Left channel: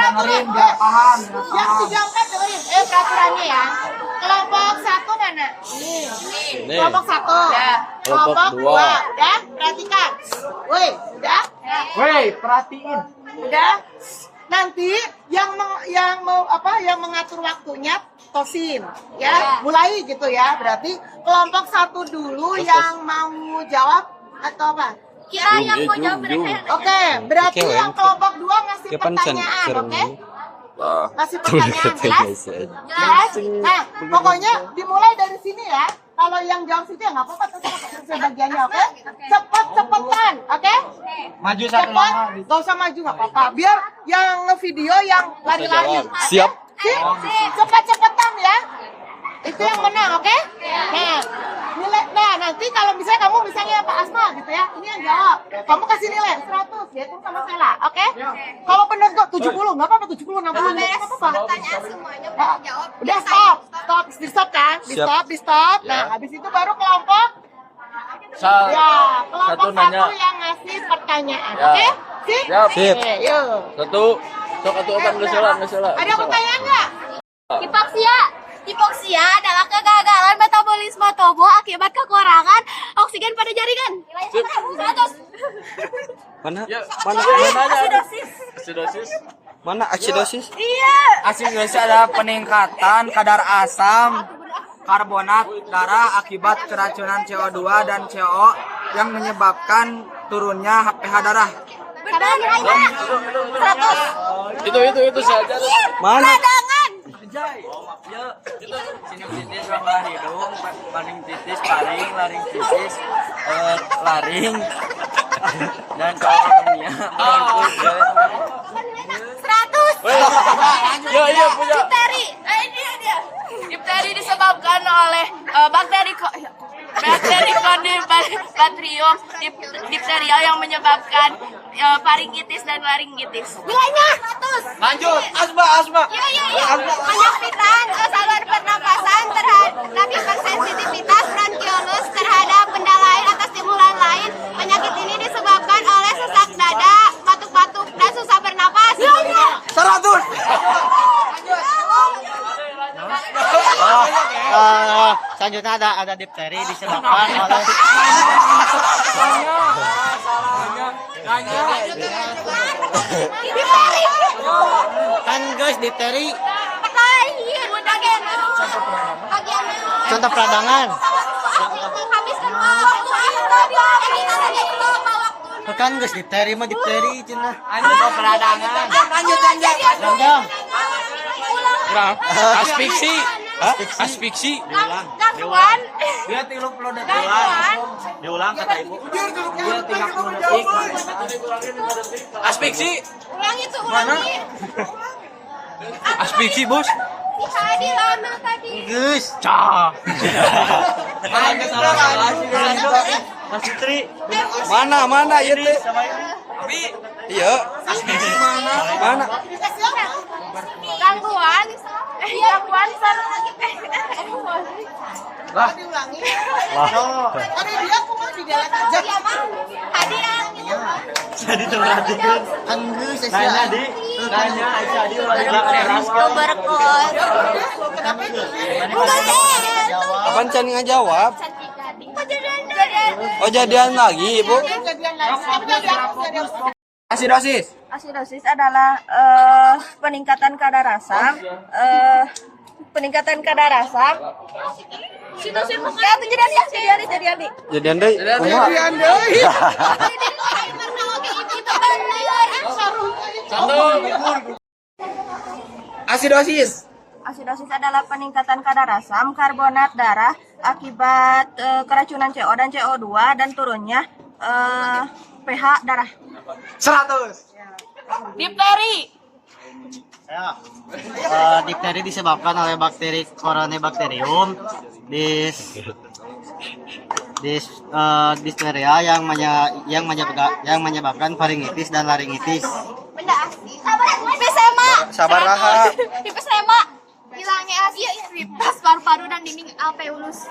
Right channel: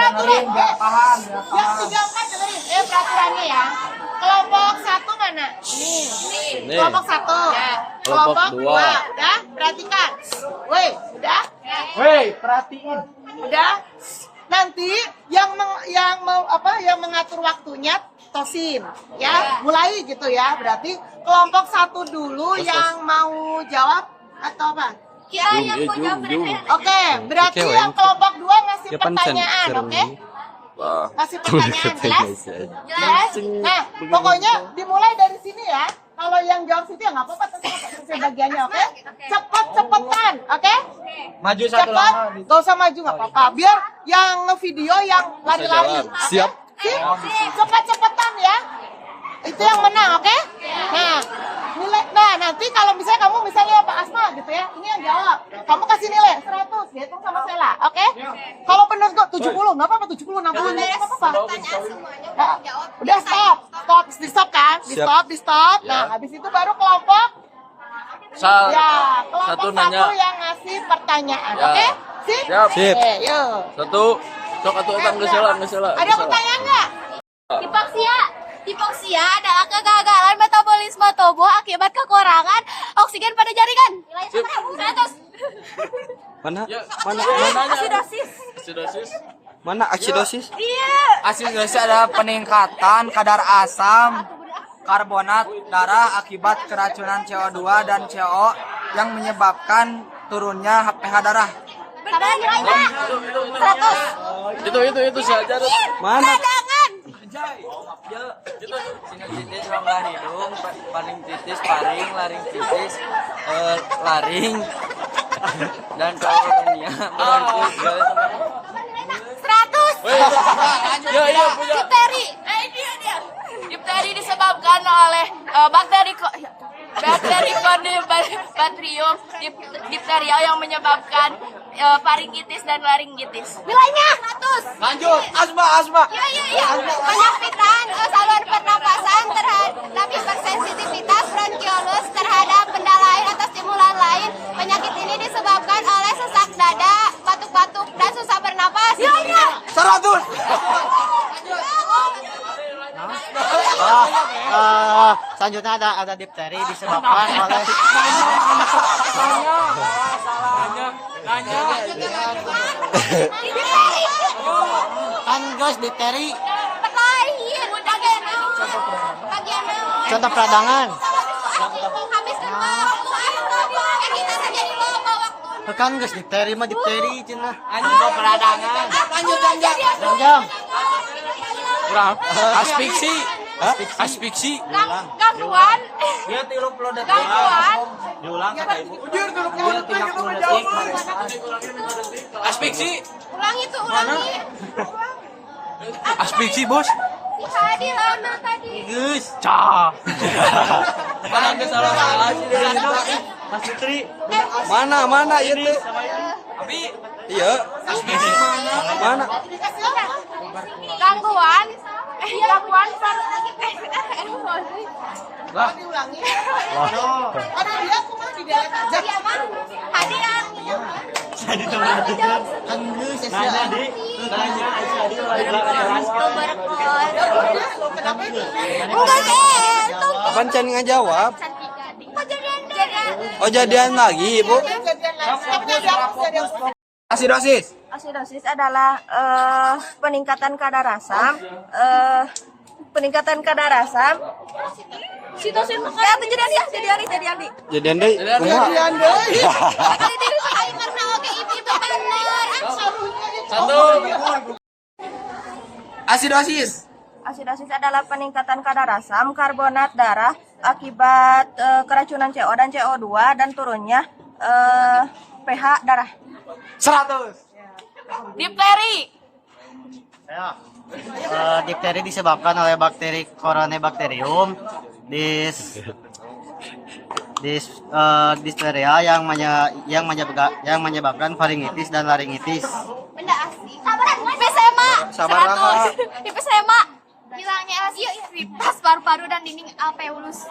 Dengerin, nggak paham. Yang 34 dengerin. Peraturannya ya. Kelompok 1 mana? Ini. Kelompok 1. Ya. Kelompok 2. Udah? Perhatikan. Woi, udah? Woi, perhatiin. Udah? Nanti yang mengatur waktunya Tosin, ya. Mulai gitu ya. Berarti kelompok 1 dulu yang mau jawab atau apa? Kita yang mau jawab. Oke, berarti yang kelompok 2 ngasih pertanyaan, oke? Kasih pertanyaan, jelas? Jelas? Nah, pokoknya dimulai dari sini ya. Kalau yang jawab situ ya nggak apa-apa, terus bagiannya, oke? Cepet-cepetan, oke? Maju satu lama. Gak usah maju, nggak apa-apa. Biar yang video yang lari-lari. Siap. Cepet-cepetan ya. Itu yang menang, oke? Nah, nanti kalau misalnya kamu Pak Asma gitu ya, ini yang jawab. Kamu kasih nilai 100, dihitung sama Sela, oke? Kalau benar kok 70, nggak apa-apa, 70, 60, nggak apa-apa. Pertanyaan semuanya udah dijawab. Udah di stop kan? Di stop. Nah, habis itu baru kelompok. Kelompok 1 yang ngasih pertanyaan, oke? Siap. Oke, yuk. Satu nggak salah. Ada pertanyaan nggak? Hipoksia adalah kegagalan metabolisme tubuh akibat kekurangan oksigen pada jaringan. Nilai 100. Mana? Asidosis. Mana aksidosis? Iya. Asidosis adalah peningkatan kadar asam karbonat darah akibat keracunan CO2 dan CO yang menyebabkan turunnya pH darah. Benar nilainya. 100. Itu saja. Mana? Cadangan. Sinusitis rongga hidung, paling titis paring, laring titis, laring, dan kolonnya. 100. Ya punya. Difteri. Ini ada. Difteri disebabkan oleh bakteri Conibatrium dipteria yang menyebabkan faringitis dan laringitis. Nilainya 100. Lanjut. Asma. Iya. Penyempitan saluran pernapasan terhadap hipersensitivitas bronkiolus terhadap benda lain atau stimulan lain. Penyakit ini disebabkan oleh sesak dada, batuk-batuk, dan susah bernapas. 100. Selanjutnya ada difteri disebabkan oleh kan guys difteri contoh peradangan kan guys difteri mah difteri cina contoh peradangan lanjut Aspiksi. Gangguan. Dia 30 detik. diulang kata ibu Aspiksi. Ulangi. Aspiksi, Bos. Si Hadi lama tadi. guys Mas Fitri Mana ya teh? Iya. Mana? Gangguan. Lah. Ada dia cuma di dalam aja. Iya mah. Hadi yang jadi terperhatikan kan guys nanya di nanya Aisyah di Kenapa itu? Apaan Cania jawab? Kejadian. Oh jadian lagi, Bu. Kejadian lain. Asidosis adalah peningkatan kadar asam. Sitosin ya jadian. Jadian deh. Kejadian deh. Karena oke itu benar. Satu. Asidosis. Asidosis adalah peningkatan kadar asam karbonat darah akibat keracunan CO dan CO2 dan turunnya pH darah. 100. Difteri. Difteri disebabkan oleh bakteri Corynebacterium diphtheria yang menyebabkan faringitis dan laringitis. Benda asing. Emfisema. Sabar raha. Emfisema. Hilangnya aktivitas paru-paru dan dinding alveolus.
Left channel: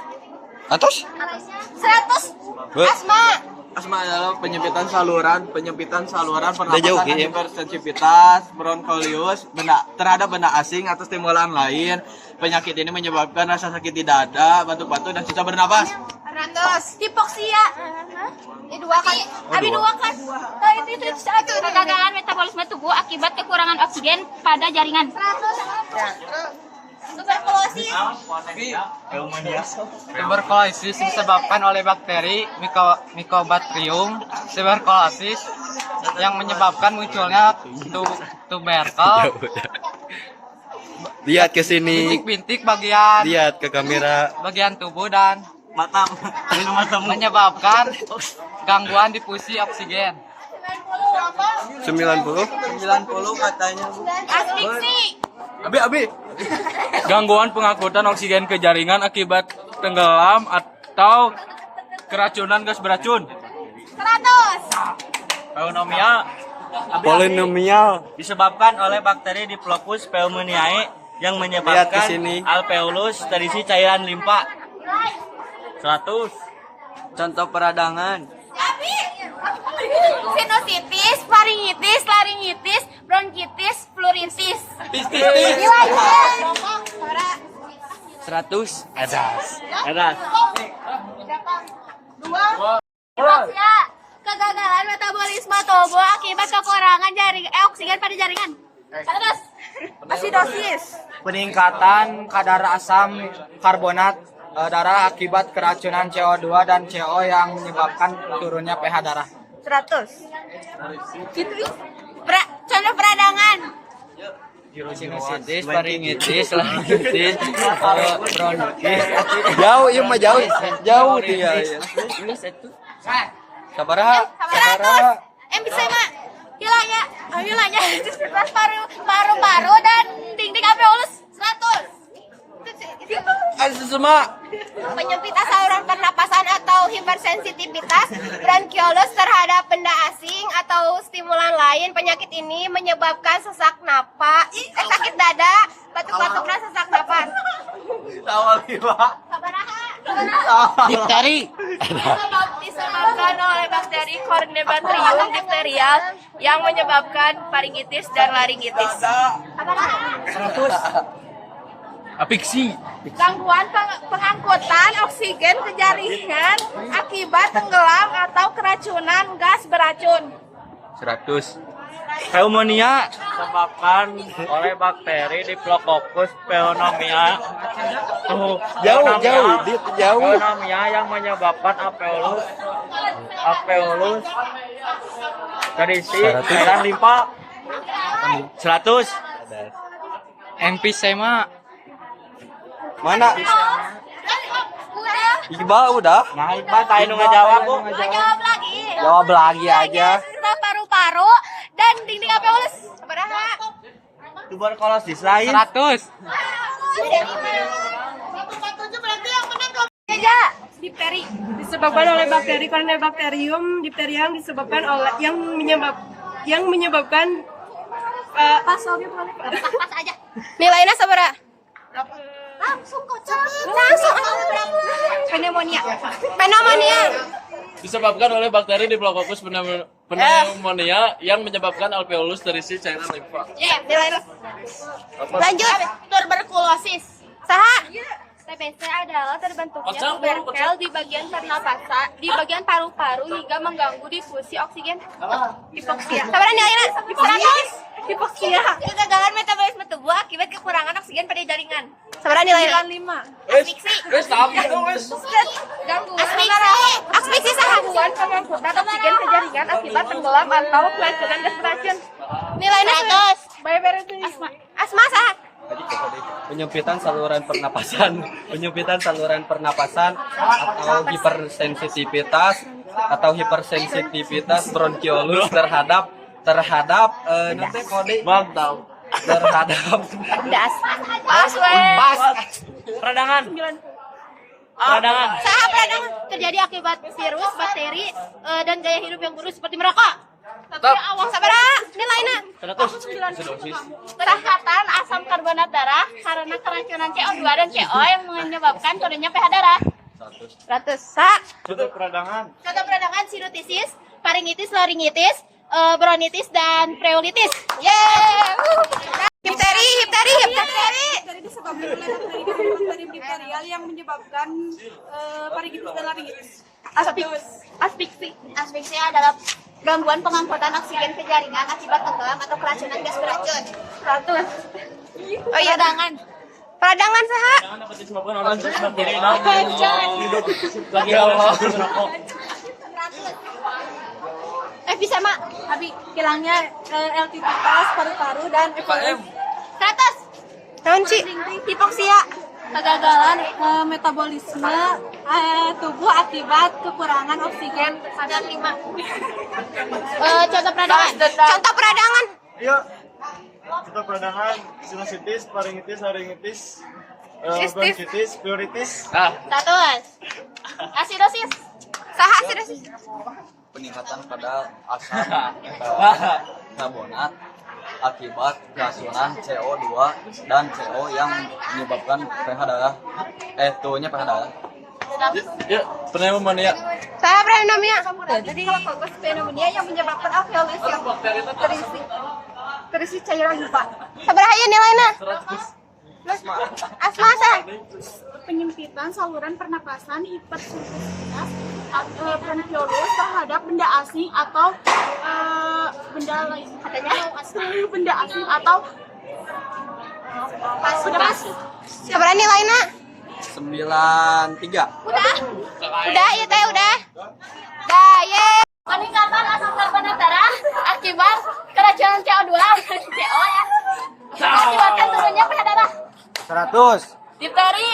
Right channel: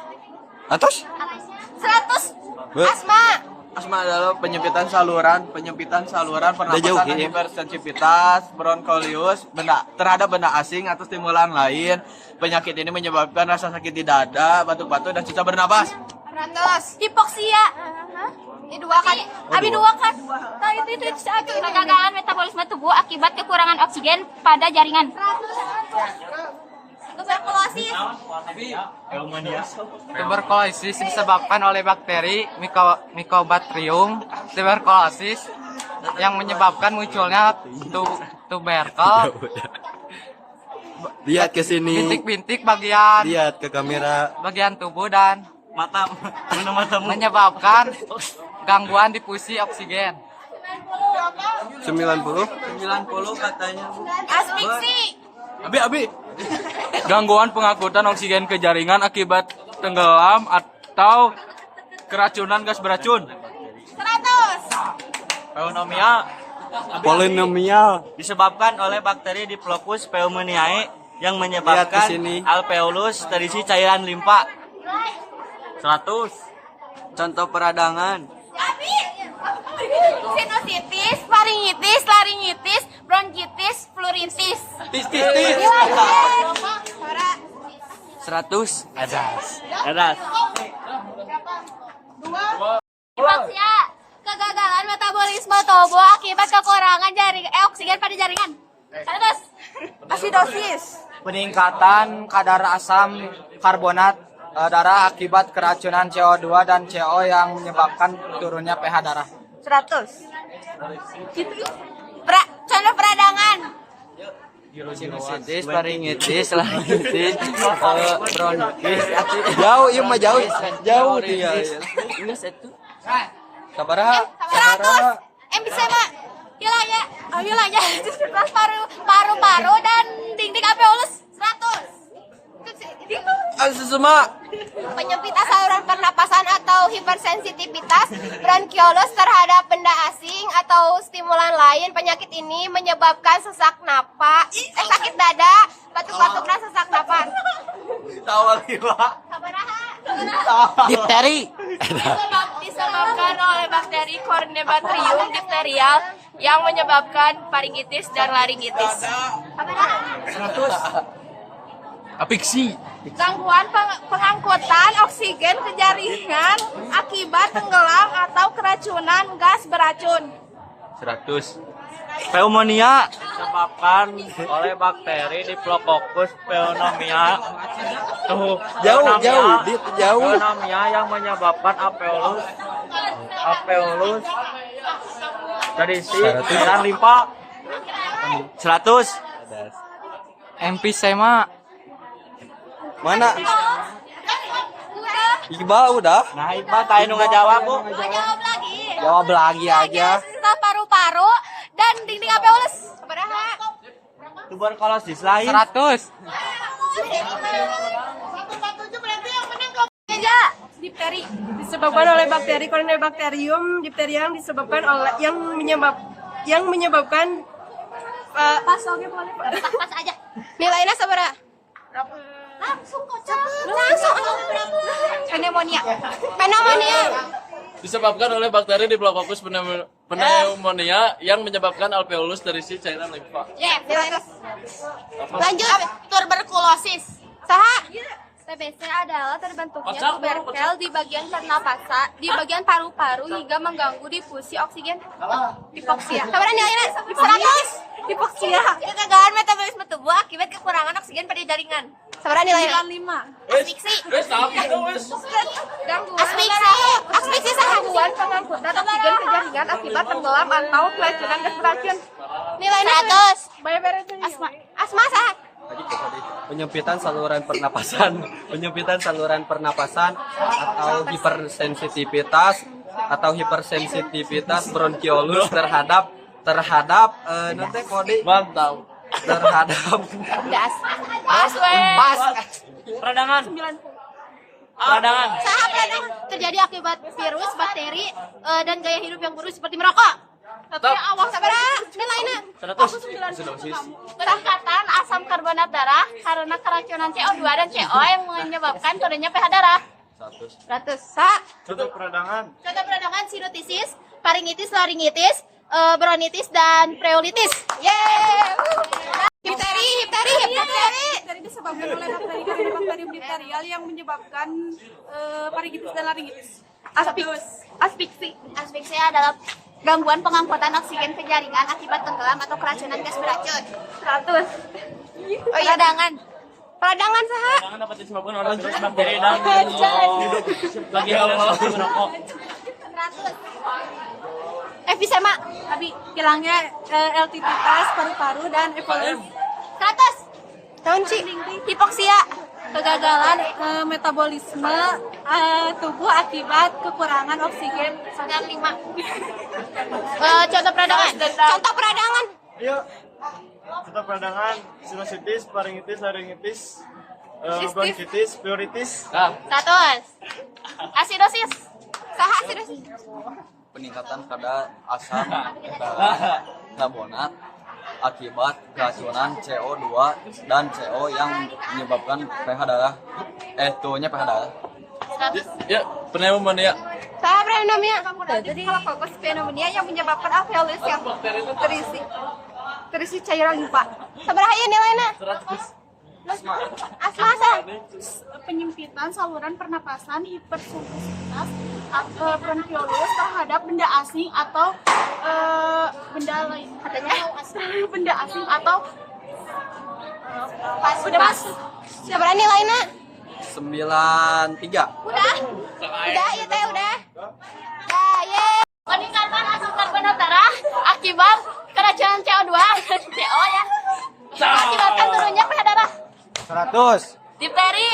Atas? 100. Asma. Asma adalah penyempitan saluran Udah jauh, pernapasan, Kim. hipersensitivitas, bronkolius, terhadap benda asing atau stimulan lain. Penyakit ini menyebabkan rasa sakit di dada, batuk-batuk, dan susah bernapas. 100. Hipoksia. Abi dua kan. Itu satu. Kegagalan metabolisme tubuh akibat kekurangan oksigen pada jaringan. 100. Tuberkulosis. Tuberkulosis disebabkan oleh bakteri Mycobacterium tuberculosis yang menyebabkan munculnya tuberkel. Lihat ke sini. Bintik-bintik bagian Lihat ke kamera. tubuh dan Mata, menyebabkan gangguan difusi oksigen. 90. 90 katanya, Bu. Asfiksi. Abi. Gangguan pengangkutan oksigen ke jaringan akibat tenggelam atau keracunan gas beracun. 100. Polinomial. disebabkan oleh bakteri Diplopus pneumoniae yang Lihat menyebabkan ke sini. alveolus terisi cairan limpa. 100. Contoh peradangan. Sinusitis, faringitis, laringitis, bronkitis, pleuritis. Tis. 100. Edas. Hipoksia, kegagalan metabolisme tubuh akibat kekurangan oksigen pada jaringan. 100. Asidosis. Peningkatan kadar asam karbonat darah akibat keracunan CO2 dan CO yang menyebabkan turunnya pH darah. 100. Contoh peradangan. Sinusitis, faringitis, laringitis, bronkitis. Jauh, iya mah jauh. Jauh dia. Sabar raha. 100. Emfisema. Hilangnya aktivitas paru-paru dan dinding alveolus. 100. Asma. Penyempitan saluran pernapasan atau hipersensitivitas bronkiolus terhadap benda asing atau stimulan lain. Penyakit ini menyebabkan sesak napas, sakit dada, batuk-batuk dan sesak napas. Difteri. Disebabkan oleh bakteri Corynebacterium diphtheria yang menyebabkan faringitis dan laringitis. Apiksi. Gangguan pengangkutan oksigen ke jaringan akibat tenggelam atau keracunan gas beracun. 100. Pneumonia disebabkan oleh bakteri Diplococcus pneumoniae. Jauh. Pneumonia yang menyebabkan alveolus terisi cairan limpa. 100. Emfisema. Mana? Udah, Iqbal udah. Nah, Iqbal tadi nu ngajawab, Bu. jawab lagi. Jawab lagi aja. Paru-paru dan dinding alveolus. Sabaraha? Tuberkulosis lain. 100. Aja. Difteri. Disebabkan oleh bakteri Corynebacterium diphtheria yang menyebabkan Pasalnya boleh. Pas aja. Nilainya sabaraha? Langsung kocak. Langsung. Pneumonia. Disebabkan oleh bakteri Diplococcus pneumonia yang menyebabkan alveolus terisi cairan limfa. Nilainya. Lanjut. Tuberkulosis. Saha? TBC adalah terbentuknya tuberkel di bagian pernapasan, di bagian paru-paru hingga mengganggu difusi oksigen. Hipoksia. Sabaran nilainya? 100. Hipoksia. Kegagalan metabolisme tubuh akibat kekurangan oksigen pada jaringan. Sabaran nilainya? 5. Asfiksi. Asfiksi gangguan pengangkutan oksigen ke jaringan akibat tenggelam atau keracunan gas beracun. Nilainya 100. Asma saha? Penyempitan saluran pernapasan, penyempitan saluran pernapasan atau hipersensitivitas bronkiolus terhadap nanti kode Mantap. terhadap Peradangan. Saha peradangan terjadi akibat virus, bakteri, dan gaya hidup yang buruk seperti merokok. Tentunya awas sabaraha nilainya. 100. Peningkatan asam karbonat darah karena keracunan CO2 dan CO yang menyebabkan turunnya pH darah. 100. Contoh peradangan. Contoh peradangan sinusitis, faringitis, laringitis, bronkitis, dan pleuritis. Yeay! Difteri. Difteri disebabkan oleh bakteri difterial yang menyebabkan faringitis dan laringitis. Asfiksia adalah gangguan pengangkutan oksigen ke jaringan akibat tenggelam atau keracunan gas beracun. 100. Oh iya, peradangan saha? Dapat disebabkan oleh bakteri dan hidup lagi Allah merokok. Efisema. Abi, hilangnya elititas paru-paru dan evolusi. 100. Tonci. Hipoksia. Kegagalan metabolisme tubuh akibat kekurangan oksigen. 5. Contoh peradangan. Iya. Contoh peradangan sinusitis, faringitis, laringitis, bronkitis, pleuritis. 100. Asidosis. Saha asidosis? Peningkatan kadar asam karbonat akibat keracunan CO2 dan CO yang menyebabkan pH darah pH darah. Ya, pneumonia. Saha pneumonia? Jadi kalau fokus pneumonia yang menyebabkan alveolus yang terisi cairan limpa. Sabaraha ieu nilainya? Asma saha? Penyempitan saluran pernapasan hipersensitivitas bronkiolus terhadap benda asing atau benda lain. Katanya benda asing atau Udah masuk. Sabaraha nilainya? 93. Udah, ya teh udah. Ye. Peningkatan asam karbonat darah akibat keracunan CO2 dan CO ya. Akibatkan turunnya pH darah. 100. Difteri.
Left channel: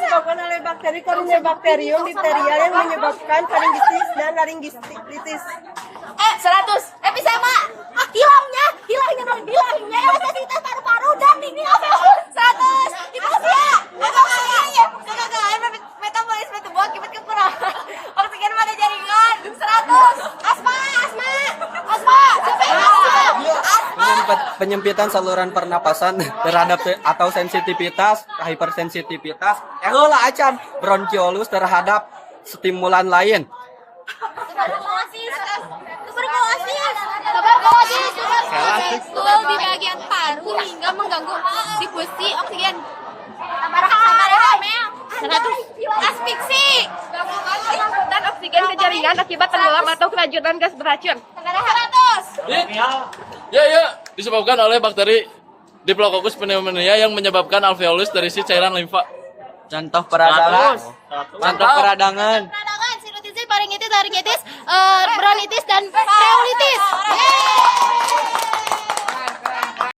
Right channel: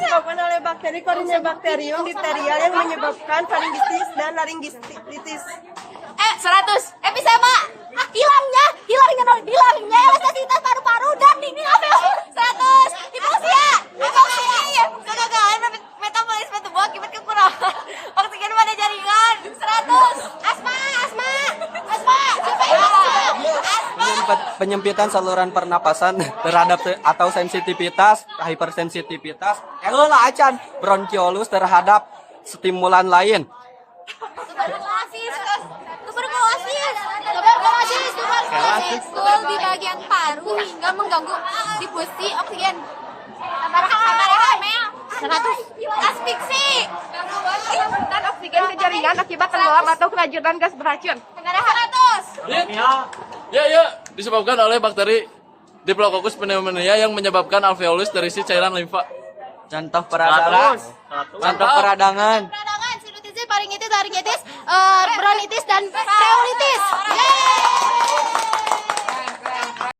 disebabkan oleh bakteri Corynebacterium diphtherial yang menyebabkan faringitis dan laringitis. 100. Efisema. Hilangnya elastisitas paru-paru dan dinding alveolus. 100. Hipoksia. Kegagalan metabolisme tubuh akibat kekurangan oksigen pada jaringan. 100. Asma. penyempitan saluran pernapasan terhadap atau sensitivitas hipersensitivitas acan bronkiolus terhadap stimulan lain. Tuberkulosis di bagian paru hingga mengganggu difusi oksigen. Sabaraha mel. 100. Asfiksi. Pengangkutan oksigen ke jaringan akibat tenggelam atau keracunan gas beracun. 100. Ya, disebabkan oleh bakteri Diplococcus pneumonia yang menyebabkan alveolus terisi cairan limfa. Contoh peradangan. Peradangan, sinusitis, faringitis, laringitis, bronkitis, dan pleuritis.